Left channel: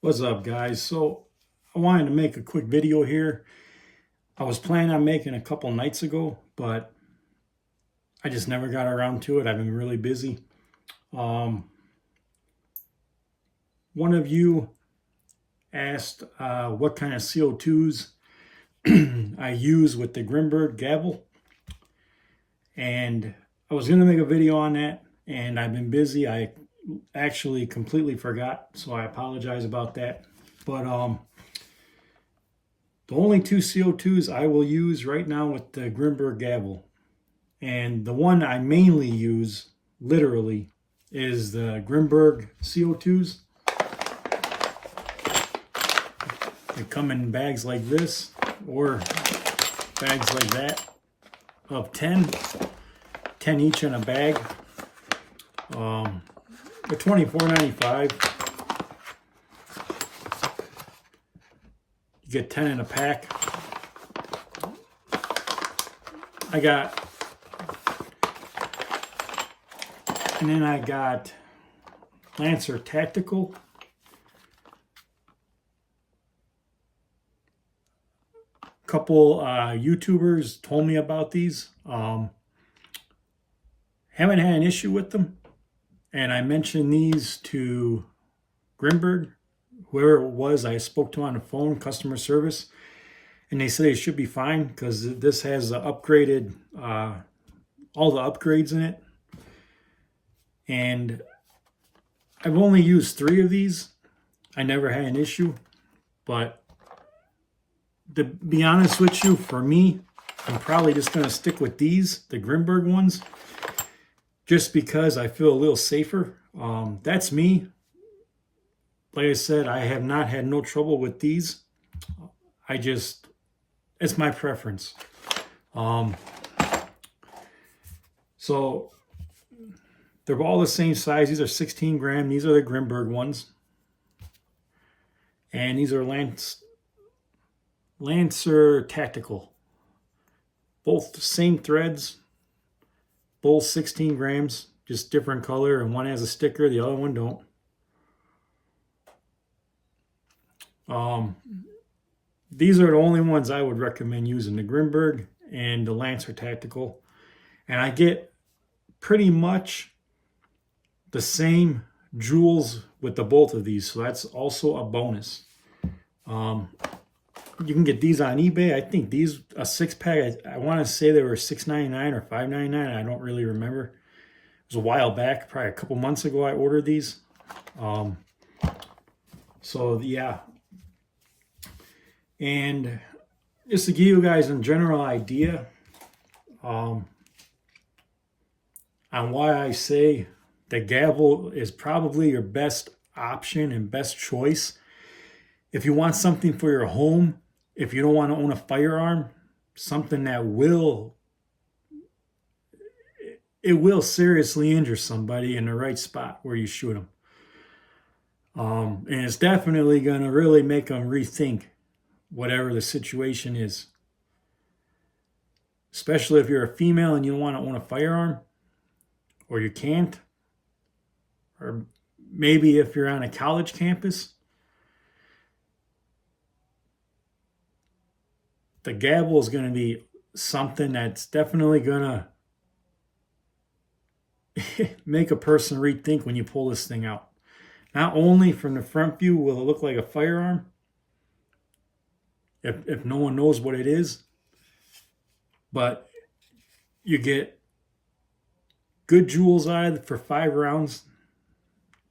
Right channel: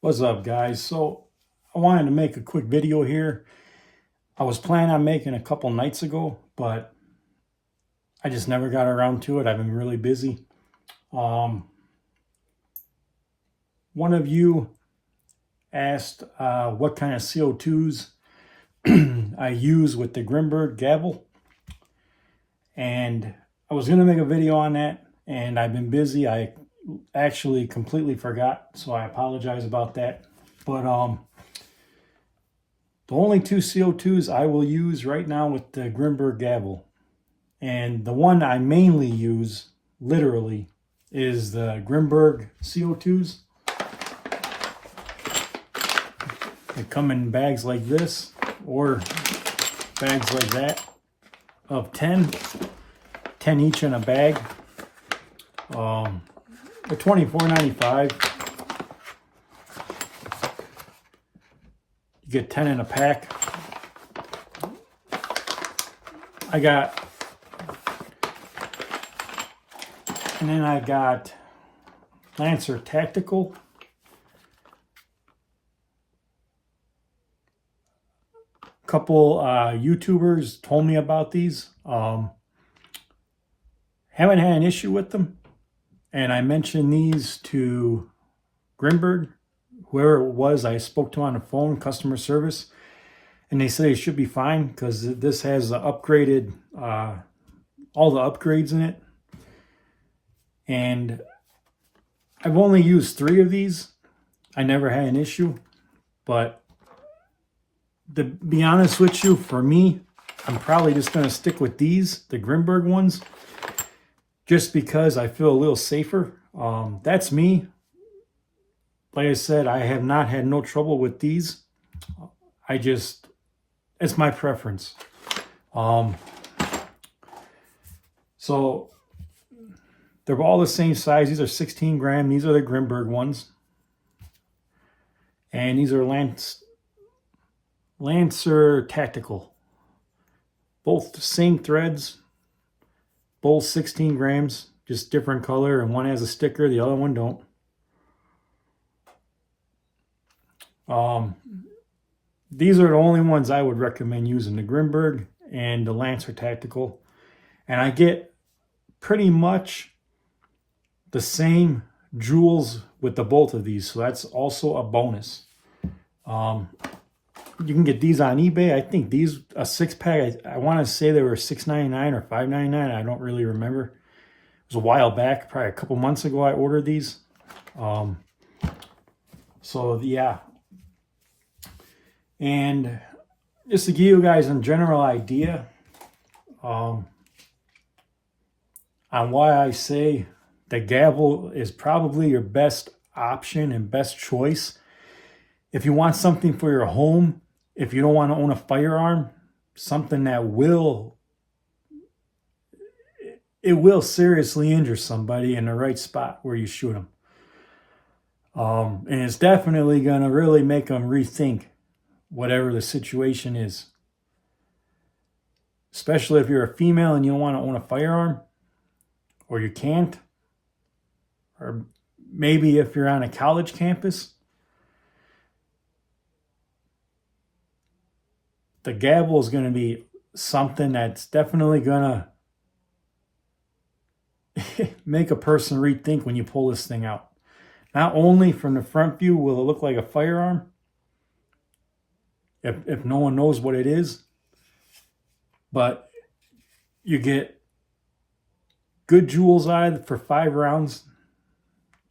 What's up, guys? So I wanted to make a quick video here. I was planning on making a couple nights ago, but I just never got around to it. I've been really busy. One of you asked what kind of CO2s I use with the Grimburg Gavle, and I was going to make a video on that, and I've been busy. I actually completely forgot, so I apologize about that. But the only two CO2s I will use right now with the Grimburg Gavle, and the one I mainly use, literally, is the Grimburg CO2s. They come in bags like this, or bags like that, of 10 each in a bag. They're $24.95. You get 10 in a pack. And then I got Lancer Tactical. A couple YouTubers told me about these. Haven't had an issue with them. And I mentioned these to Grimburg, whoever it was I spoke to on the phone, customer service, and they said it should be fine because this has the upgraded, all the upgrades in it. And I've only used 3 of these. I never had an issue, but to be honest with you, for me, I'm probably just going to stick with these, the Grimburg ones, just because I feel a little safer. That's me. Like I said, I have not had no trouble with these. It's my preference. So they're all the same size. These are 16 gram. These are the Grimburg ones. And these are Lancer Tactical. Both the same threads. Both 16 grams, just different color, and one has a sticker, the other one don't. These are the only ones I would recommend using, the Grimburg and the Lancer Tactical. And I get pretty much the same joules with the both of these, so that's also a bonus. You can get these on eBay. I think these, a 6-pack, I want to say they were $6.99 or $5.99. I don't really remember. It was a while back, probably a couple months ago I ordered these. So yeah. And just to give you guys a general idea on why I say the Gavle is probably your best option and best choice. If you want something for your home, if you don't want to own a firearm, something that will seriously injure somebody in the right spot where you shoot them. And it's definitely going to really make them rethink whatever the situation is. Especially if you're a female and you don't want to own a firearm, or you can't, or maybe if you're on a college campus. The Gavle is going to be something that's definitely going to make a person rethink when you pull this thing out. Not only from the front view will it look like a firearm, if no one knows what it is, but you get good joules out of it for 5 rounds.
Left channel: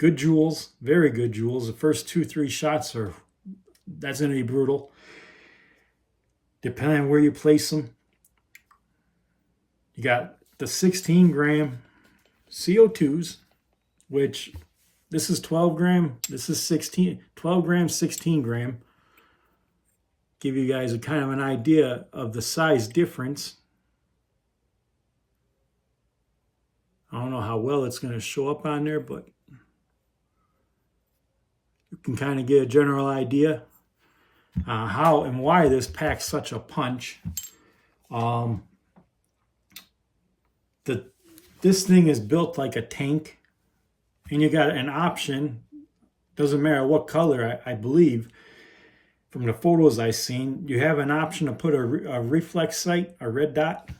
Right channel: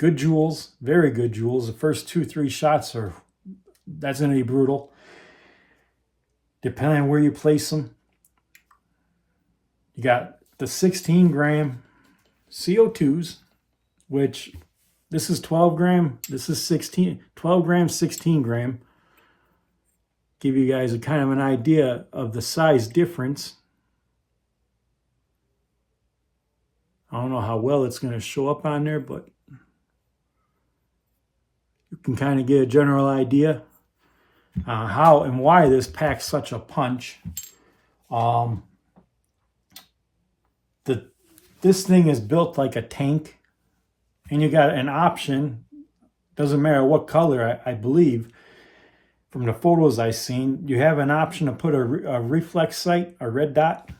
Good joules, very good joules. The first 2-3 shots that's going to be brutal. Depending on where you place them. You got the 16 gram CO2s, which this is 12 gram, this is 12 gram, 16 gram. Give you guys a kind of an idea of the size difference. I don't know how well it's going to show up on there, but you can kind of get a general idea. How and why this packs such a punch. This thing is built like a tank, and you got an option doesn't matter what color, I believe, from the photos I've seen, you have an option to put a reflex sight, a red dot,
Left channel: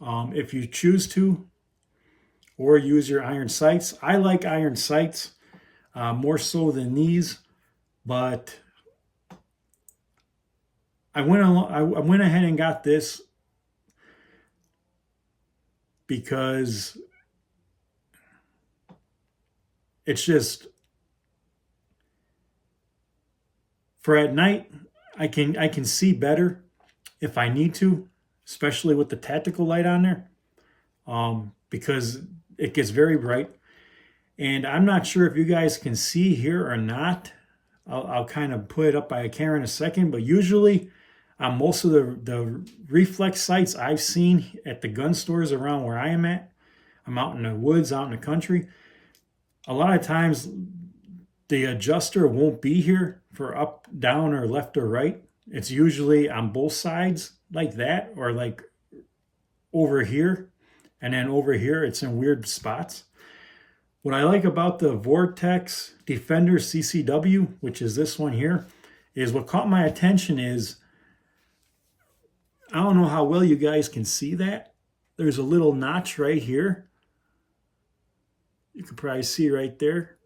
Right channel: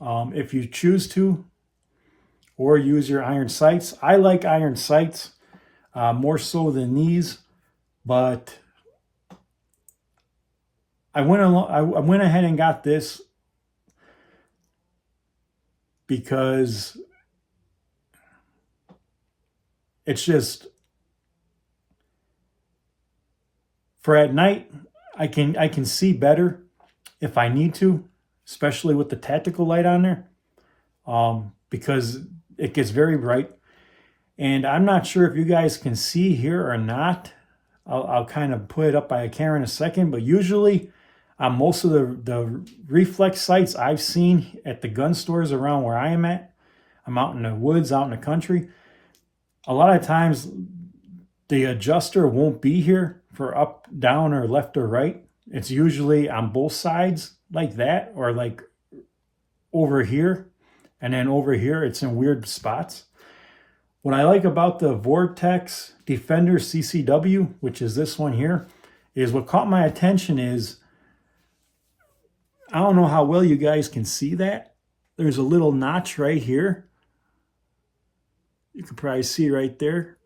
if you choose to, or use your iron sights. I like iron sights more so than these, but I went ahead and got this because it's just, for at night, I can see better if I need to, especially with the tactical light on there, because it gets very bright. And I'm not sure if you guys can see here or not. I'll kind of put it up by a camera in a second, but usually on most of the reflex sights I've seen at the gun stores around where I am at, I'm out in the woods, out in the country, a lot of times the adjuster won't be here for up, down, or left or right. It's usually on both sides like that, or like over here, and then over here it's in weird spots. What I like about the Vortex Defender CCW, which is this one here, is what caught my attention is, I don't know how well you guys can see that. There's a little notch right here. You can probably see right there.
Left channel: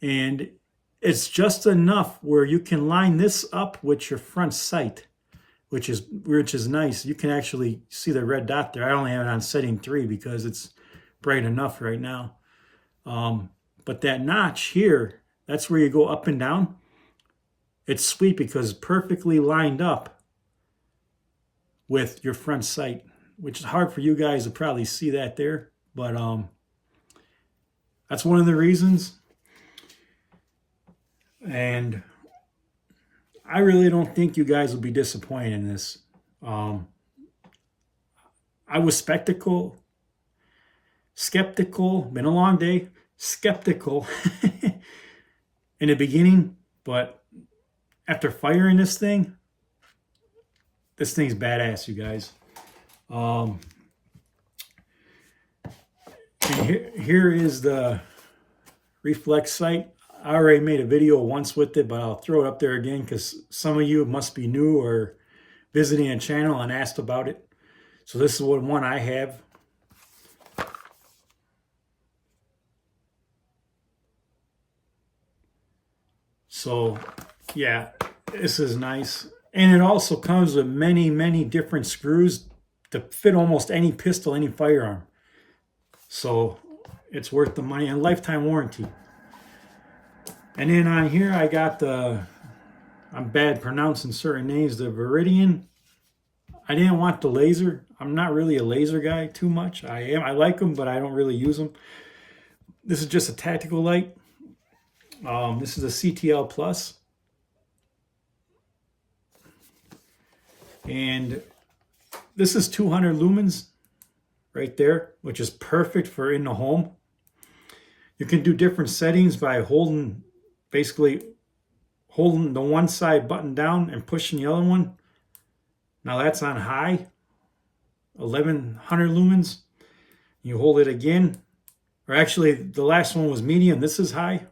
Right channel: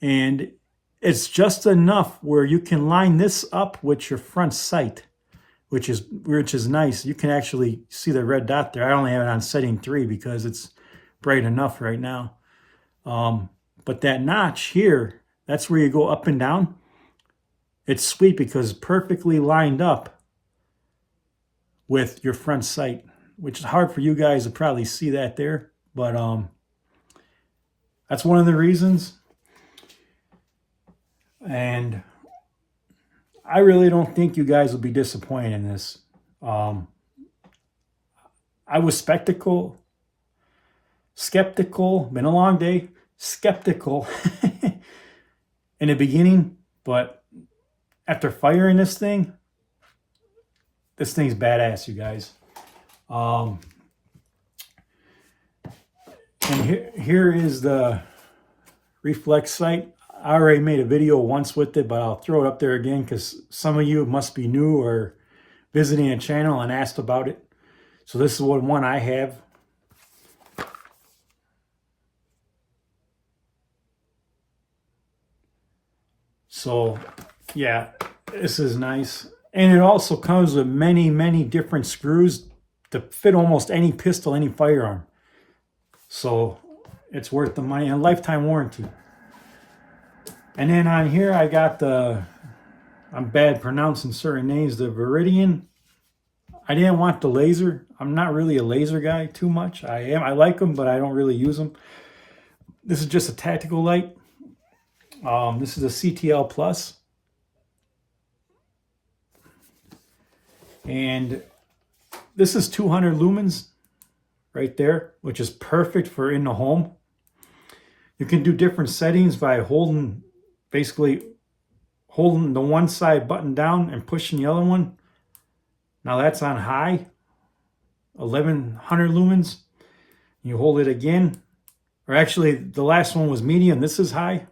And it's just enough where you can line this up with your front sight, which is nice. You can actually see the red dot there. I only have it on setting 3 because it's bright enough right now. But that notch here, that's where you go up and down. It's sweet because it's perfectly lined up with your front sight, which is hard for you guys to probably see that there. But that's one of the reasons. And I really don't think you guys will be disappointed in this. I was skeptical, been a long day, skeptical in the beginning, but after firing this thing's badass, you guys. And here is the reflex sight. I already made a video once with it, but I'll throw it up there again because some of you must be new or visiting a channel and asked about it. So this is what one I have. So yeah, this is nice. And it also comes with many, many different screws to fit almost any pistol, any firearm. So it's worth the money, and lifetime warranty. And then on here I got the, I'm bad pronouncing certain names, the Viridian. I didn't want the laser. I'm not really a laser guy too much. I like them, but I don't really use them. This is just a tactical light. This is a CTL Plus. And this is 200 lumens right there, which is perfect for in the home. You can do different settings by basically holding the one side button down and pushing the other one. Now that's on high, 1100 lumens. You hold it again, or actually the last one was medium. This is high.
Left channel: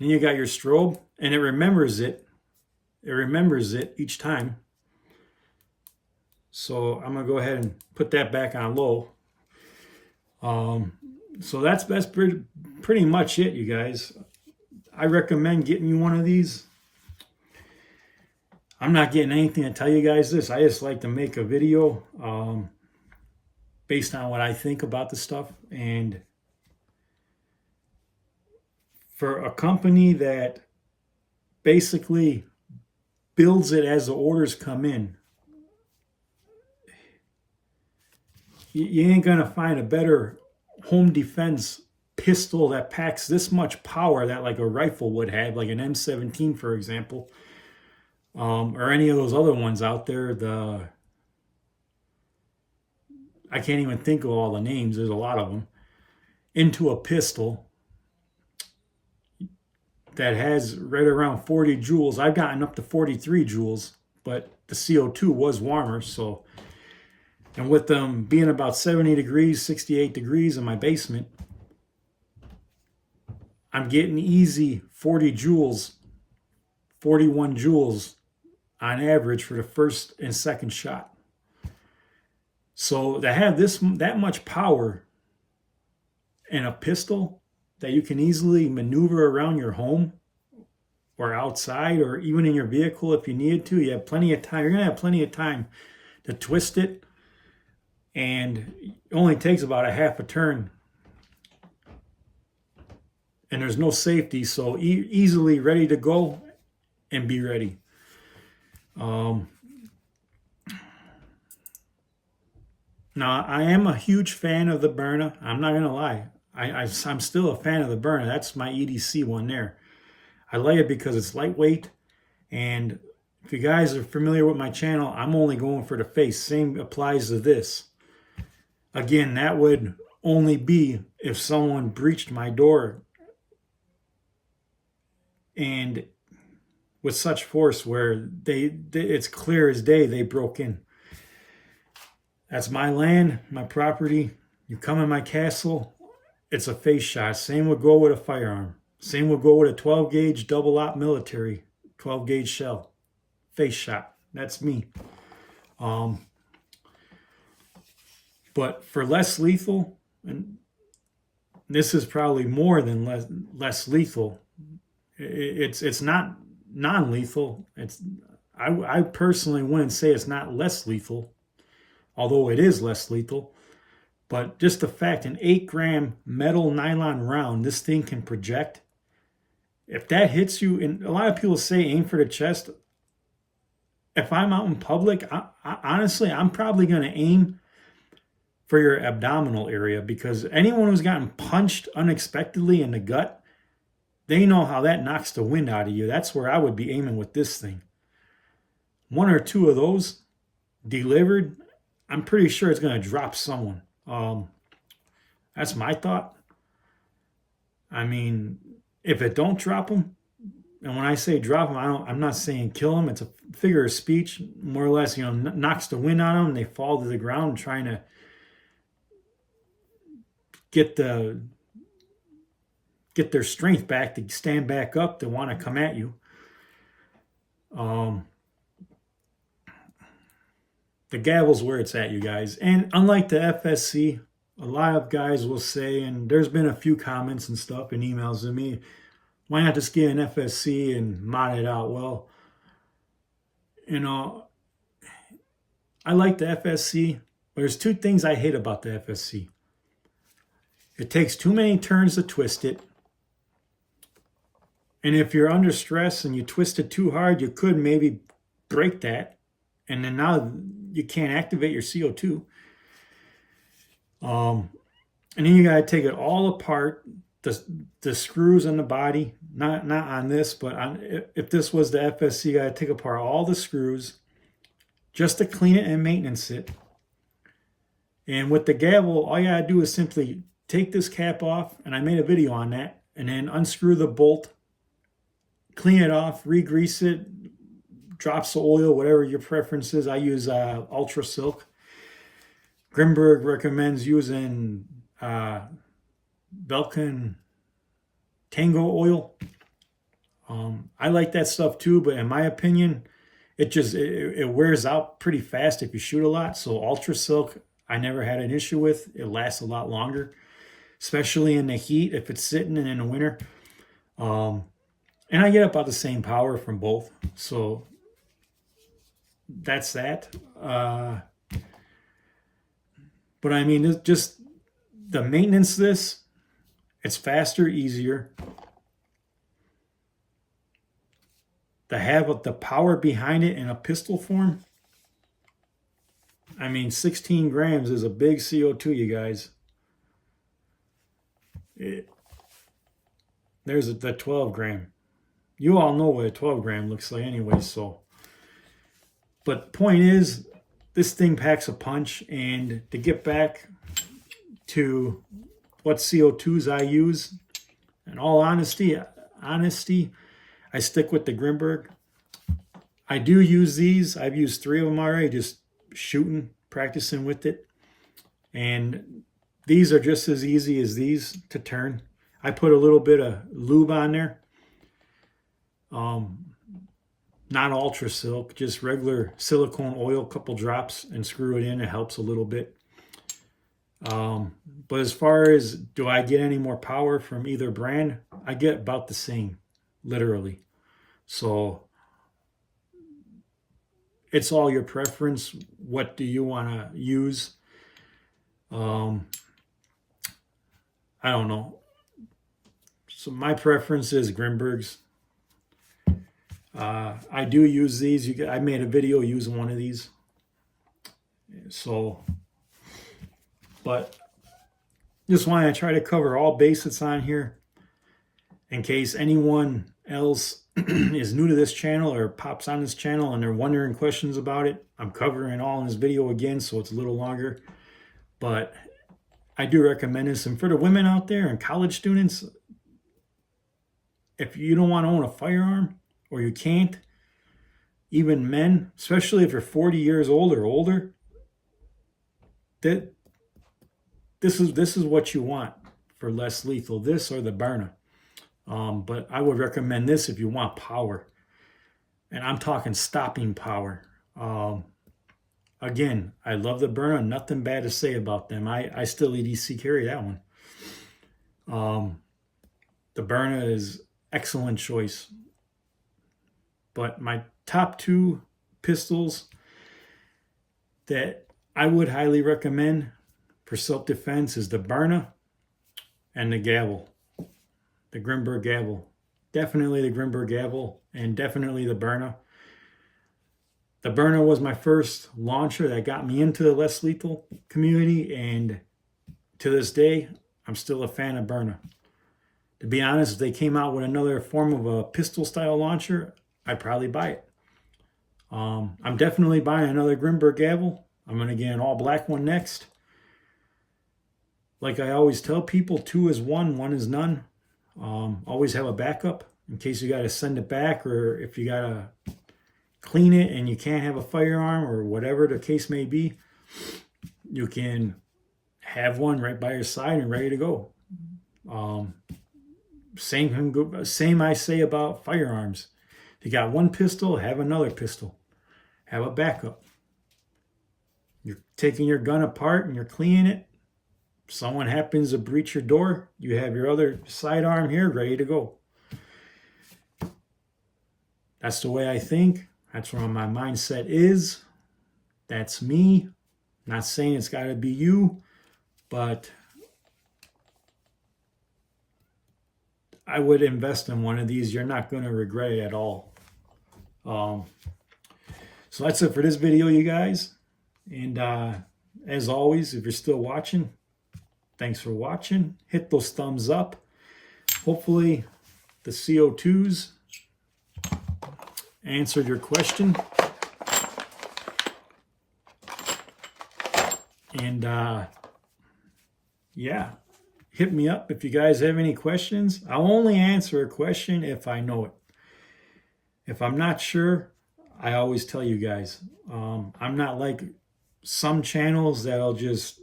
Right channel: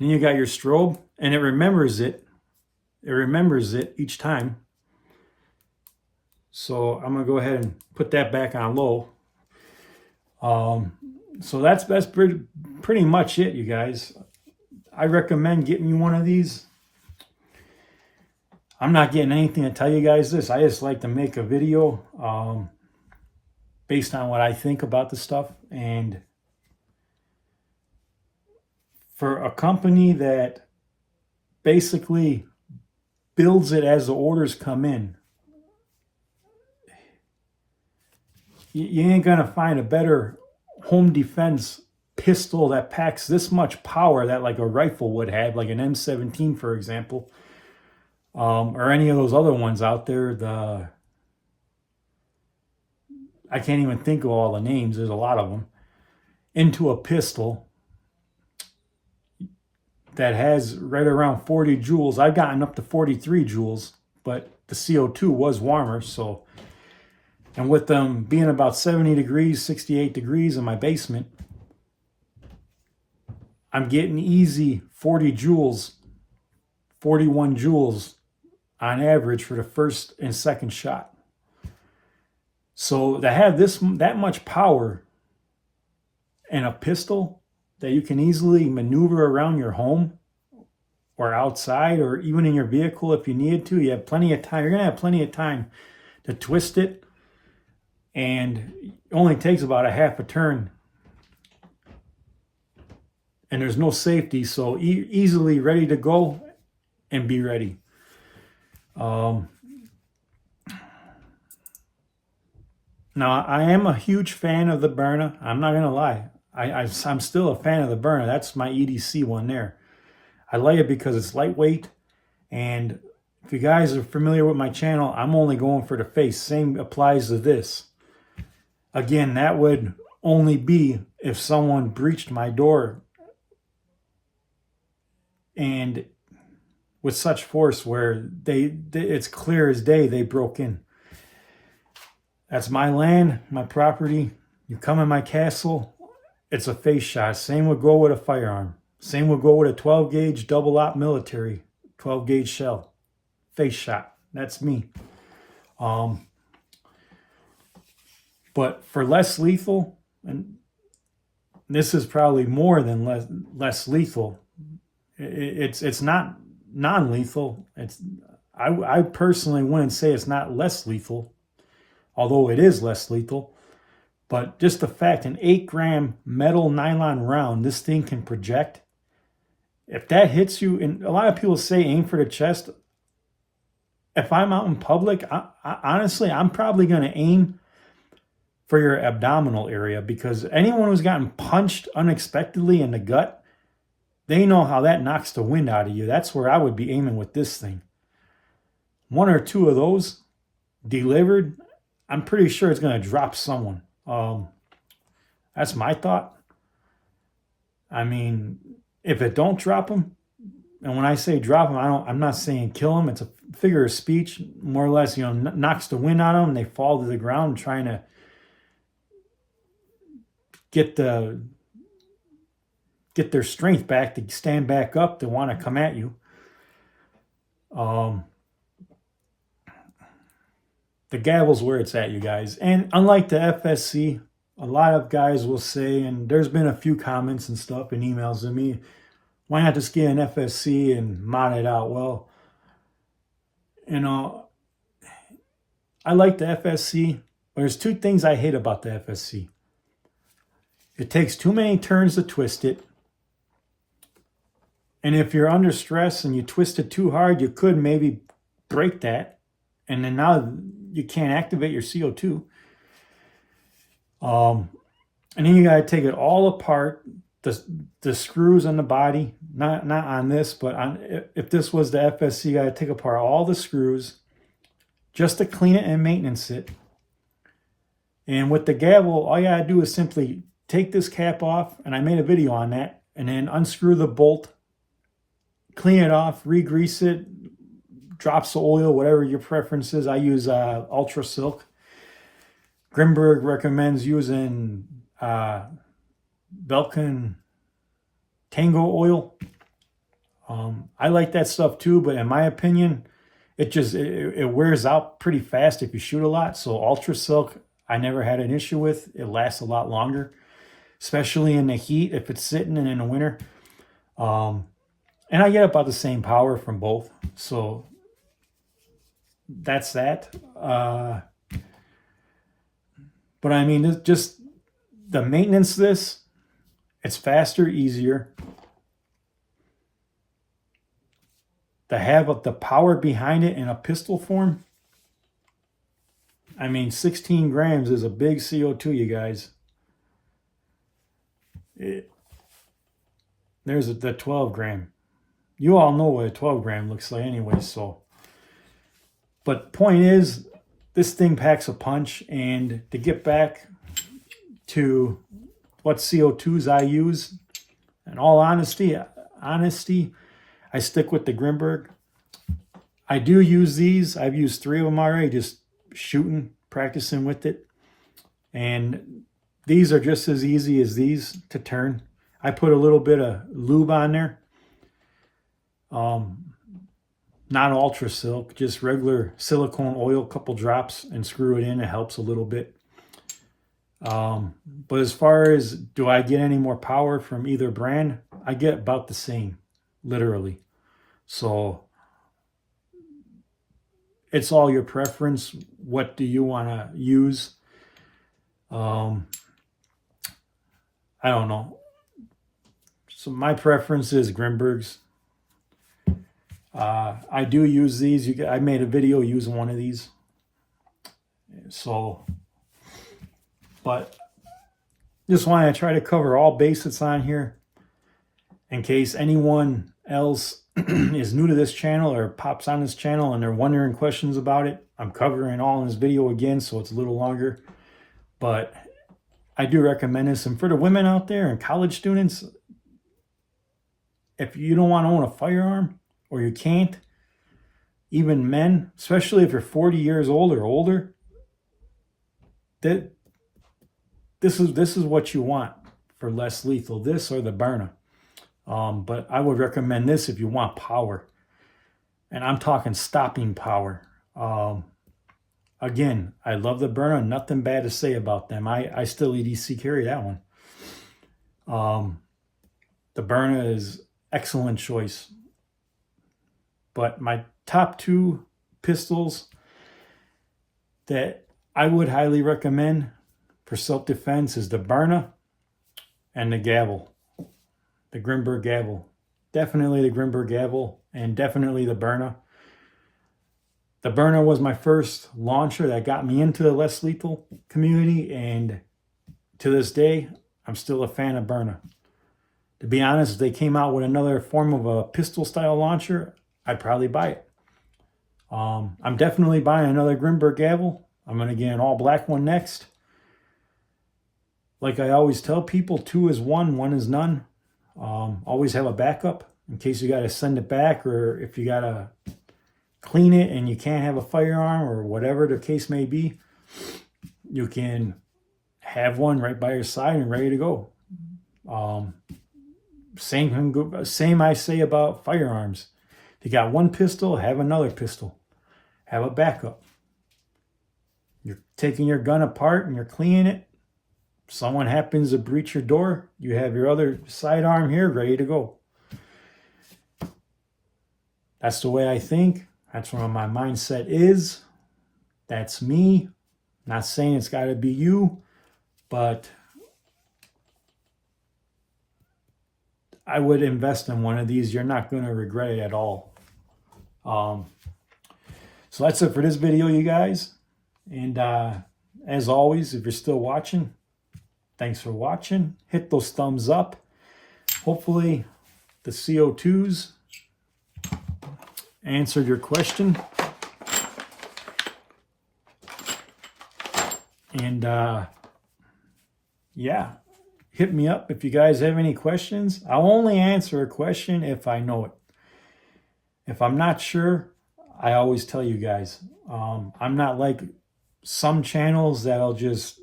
Then you got your strobe, and it remembers it. It remembers it each time. So I'm gonna go ahead and put that back on low. So that's pretty much it, you guys. I recommend getting you one of these. I'm not getting anything to tell you guys this. I just like to make a video based on what I think about the stuff. And for a company that basically builds it as the orders come in, you ain't gonna find a better home defense pistol that packs this much power that like a rifle would have, like an M17, for example, or any of those other ones out there. I can't even think of all the names. There's a lot of them. Into a pistol that has right around 40 joules. I've gotten up to 43 joules, but the CO2 was warmer, so. And with them being about 70 degrees, 68 degrees in my basement, I'm getting easy 40 joules, 41 joules on average for the first and second shot. So to have that much power in a pistol that you can easily maneuver around your home or outside or even in your vehicle if you needed to, you have plenty of time. You're going to have plenty of time to twist it, and it only takes about a half a turn. And there's no safety, so easily ready to go and be ready. Now, I am a huge fan of the Byrna. I'm not going to lie. I'm still a fan of the Byrna. That's my EDC one there. I like it because it's lightweight. And if you guys are familiar with my channel, I'm only going for the face. Same applies to this. Again, that would only be if someone breached my door and with such force where it's clear as day they broke in. That's my land, my property. You come in my castle, it's a face shot. Same would go with a firearm. Same would go with a 12 gauge double op military, 12 gauge shell. Face shot. That's me. But for less lethal, and this is probably more than less lethal. It's not non-lethal. I personally wouldn't say it's not less lethal, although it is less lethal. But just the fact, an 8-gram metal nylon round, this thing can project. If that hits you, and a lot of people say aim for the chest. If I'm out in public, honestly, I'm probably going to aim for your abdominal area, because anyone who's gotten punched unexpectedly in the gut, they know how that knocks the wind out of you. That's where I would be aiming with this thing. One or two of those delivered, I'm pretty sure it's going to drop someone. That's my thought. I mean, if it don't drop them, and when I say drop them, I'm not saying kill them. It's a figure of speech, more or less. You know, knocks the wind out of them. They fall to the ground, trying to get their strength back to stand back up, to want to come at you. The Gavle's where it's at, you guys. And unlike the FSC, a lot of guys will say, and there's been a few comments and stuff and emails to me, why not just get an FSC and mod it out? Well, you know, I like the FSC, but there's two things I hate about the FSC. It takes too many turns to twist it. And if you're under stress and you twist it too hard, you could maybe break that. And then now you can't activate your CO2. And then you got to take it all apart. The screws on the body, not on this, but if this was the FSC, you got to take apart all the screws just to clean it and maintenance it. And with the Gavle, all you got to do is simply take this cap off, and I made a video on that, and then unscrew the bolt, clean it off, re-grease it, drops of oil, whatever your preference is. I use Ultra Silk. Grimburg recommends using Belkin Tango oil. I like that stuff too, but in my opinion, it wears out pretty fast if you shoot a lot. So Ultra Silk, I never had an issue with. It lasts a lot longer, especially in the heat if it's sitting and in the winter. And I get about the same power from both. So that's that. But I mean, just the maintenance of this, it's faster, easier. To have the power behind it in a pistol form, I mean, 16 grams is a big CO2, you guys. There's the 12 gram. You all know what a 12 gram looks like anyway, so. But point is, this thing packs a punch, and to get back to what CO2s I use, in all honesty, I stick with the Grimburg. I do use these. I've used 3 of them already, just shooting, practicing with it. And these are just as easy as these to turn. I put a little bit of lube on there. Not ultra silk, just regular silicone oil, couple drops, and screw it in. It helps a little bit. But as far as do I get any more power from either brand, I get about the same, literally. So it's all your preference. What do you want to use? I don't know. So my preference is Grimburg's. I do use these. I made a video using one of these. So, but just want to try to cover all bases on here in case anyone else is new to this channel or pops on this channel and they're wondering questions about it. I'm covering all in this video again, so it's a little longer. But I do recommend this. And for the women out there and college students, if you don't want to own a firearm, or you can't, even men, especially if you're 40 years old or older, this is what you want for less lethal, this or the Byrna. But I would recommend this if you want power. And I'm talking stopping power. Again, I love the Byrna, nothing bad to say about them. I still EDC carry that one. The Byrna is excellent choice. But my top two pistols that I would highly recommend for self-defense is the Byrna and the Gavle, the Grimburg Gavle. Definitely the Grimburg Gavle and definitely the Byrna. The Byrna was my first launcher that got me into the less lethal community, and to this day, I'm still a fan of Byrna. To be honest, if they came out with another form of a pistol-style launcher, I'd probably buy it. I'm definitely buying another Grimburg Gavle. I'm going to get an all-black one next. Like I always tell people, 2 is 1, 1 is none. Always have a backup in case you got to send it back, or if you got to clean it and you can't have a firearm or whatever the case may be. You can have one right by your side and ready to go. Same I say about firearms. If you got one pistol, have another pistol. Have a backup. You're taking your gun apart and you're cleaning it. If someone happens to breach your door, you have your other sidearm here ready to go. That's the way I think. That's where my mindset is. That's me. Not saying it's got to be you, but I would invest in one of these. You're not going to regret it at all. So that's it for this video, you guys. And as always, if you're still watching, thanks for watching. Hit those thumbs up. Hopefully the CO2s answered your question. And yeah, hit me up if you guys have any questions. I'll only answer a question if I know it. If I'm not sure, I always tell you guys. I'm not like some channels that'll just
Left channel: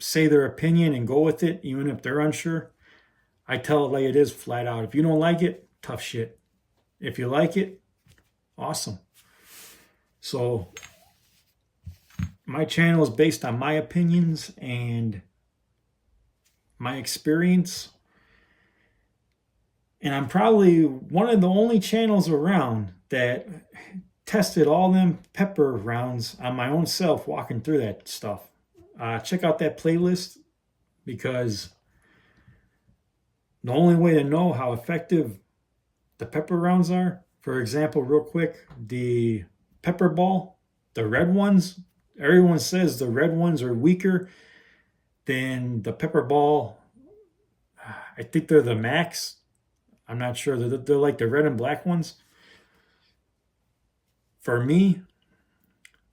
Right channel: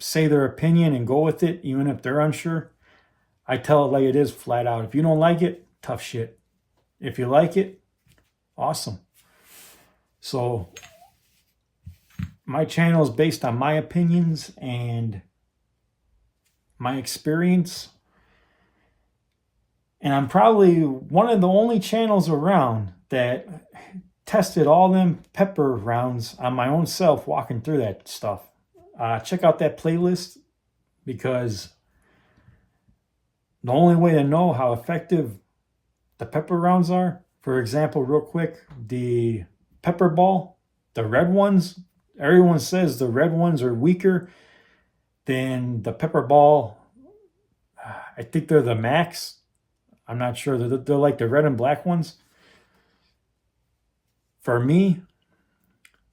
say their opinion and go with it, even if they're unsure. I tell it like it is, flat out. If you don't like it, tough shit. If you like it, awesome. So my channel is based on my opinions and my experience. And I'm probably one of the only channels around that tested all them pepper rounds on my own self walking through that stuff. Check out that playlist, because the only way to know how effective the pepper rounds are, for example, real quick, the pepper ball, the red ones, everyone says the red ones are weaker than the pepper ball. I think they're the max. I'm not sure. They're like the red and black ones. For me,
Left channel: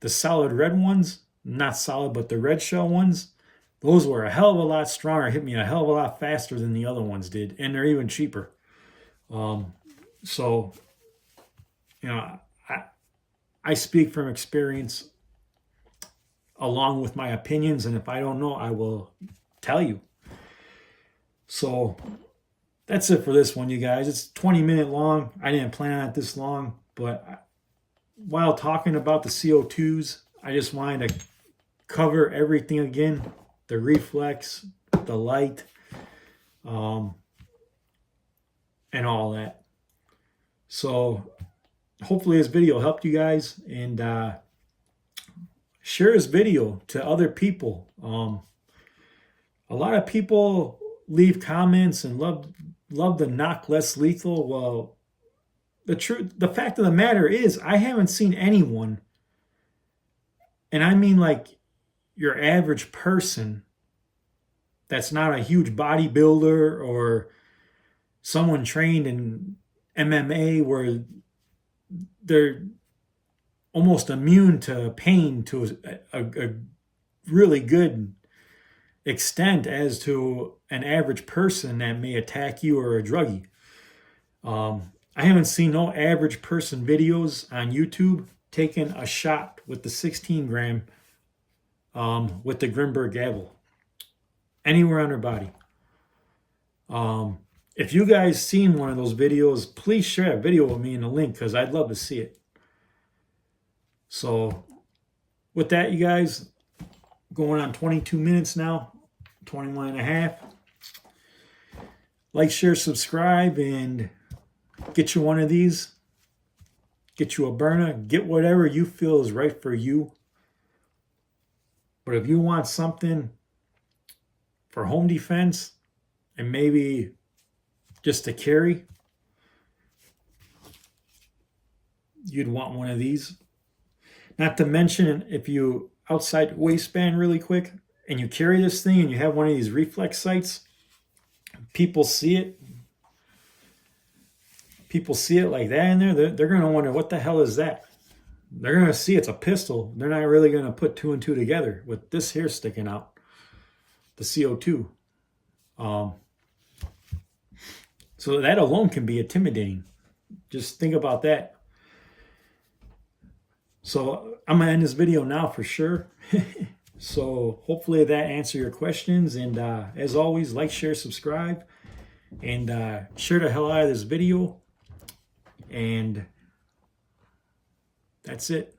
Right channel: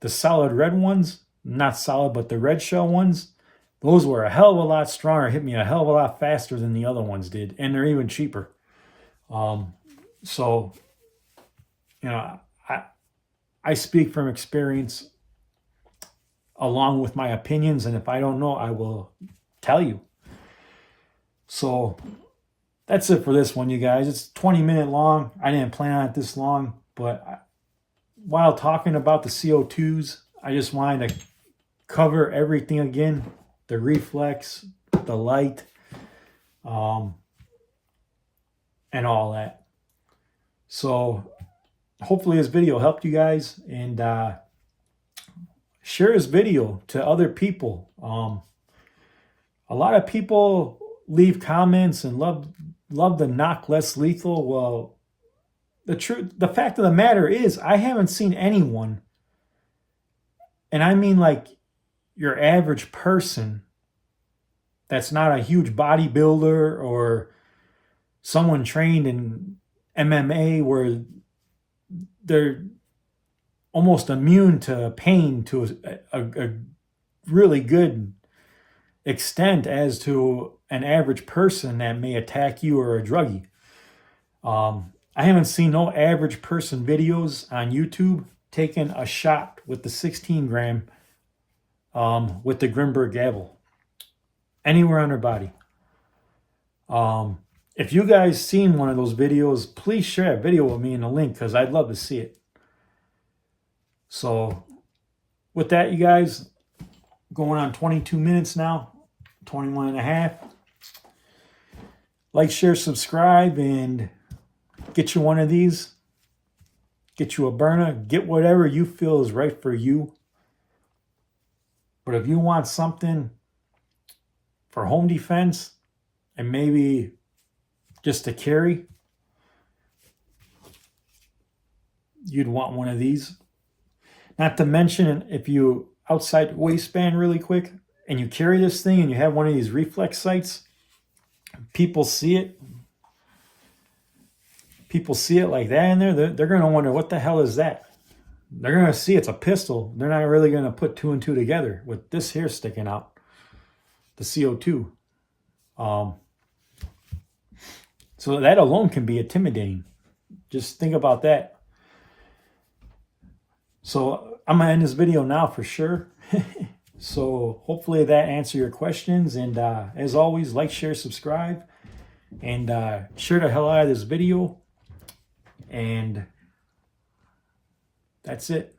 the solid red ones, not solid, but the red shell ones, those were a hell of a lot stronger, hit me a hell of a lot faster than the other ones did, and they're even cheaper. So, you know, I speak from experience along with my opinions, and if I don't know, I will tell you. So that's it for this one, you guys. It's 20-minute long. I didn't plan on it this long, but while talking about the CO2s, I just wanted to cover everything again. The reflex, the light, and all that. So hopefully this video helped you guys, and share this video to other people. A lot of people leave comments and love the knock less lethal. Well, the fact of the matter is, I haven't seen anyone, and I mean like your average person that's not a huge bodybuilder or someone trained in MMA where they're almost immune to pain to a really good extent as to an average person that may attack you or a druggie. I haven't seen no average person videos on YouTube taking a shot with the 16 gram with the Grimburg Gavle anywhere on their body. If you guys seen one of those videos, please share a video with me in the link, because I'd love to see it. So with that, you guys, going on 22 minutes now, 21 and a half. Like, share, subscribe, and get you one of these. Get you a burner. Get whatever you feel is right for you. But if you want something for home defense and maybe just to carry, you'd want one of these. Not to mention, if you outside waistband really quick and you carry this thing and you have one of these reflex sights, people see it like that in there, they're going to wonder, what the hell is that? They're going to see it's a pistol. They're not really going to put two and two together with this here sticking out, the CO2. So that alone can be intimidating. Just think about that. So I'm going to end this video now for sure. So hopefully that answered your questions. And as always, like, share, subscribe, and share the hell out of this video. And that's it.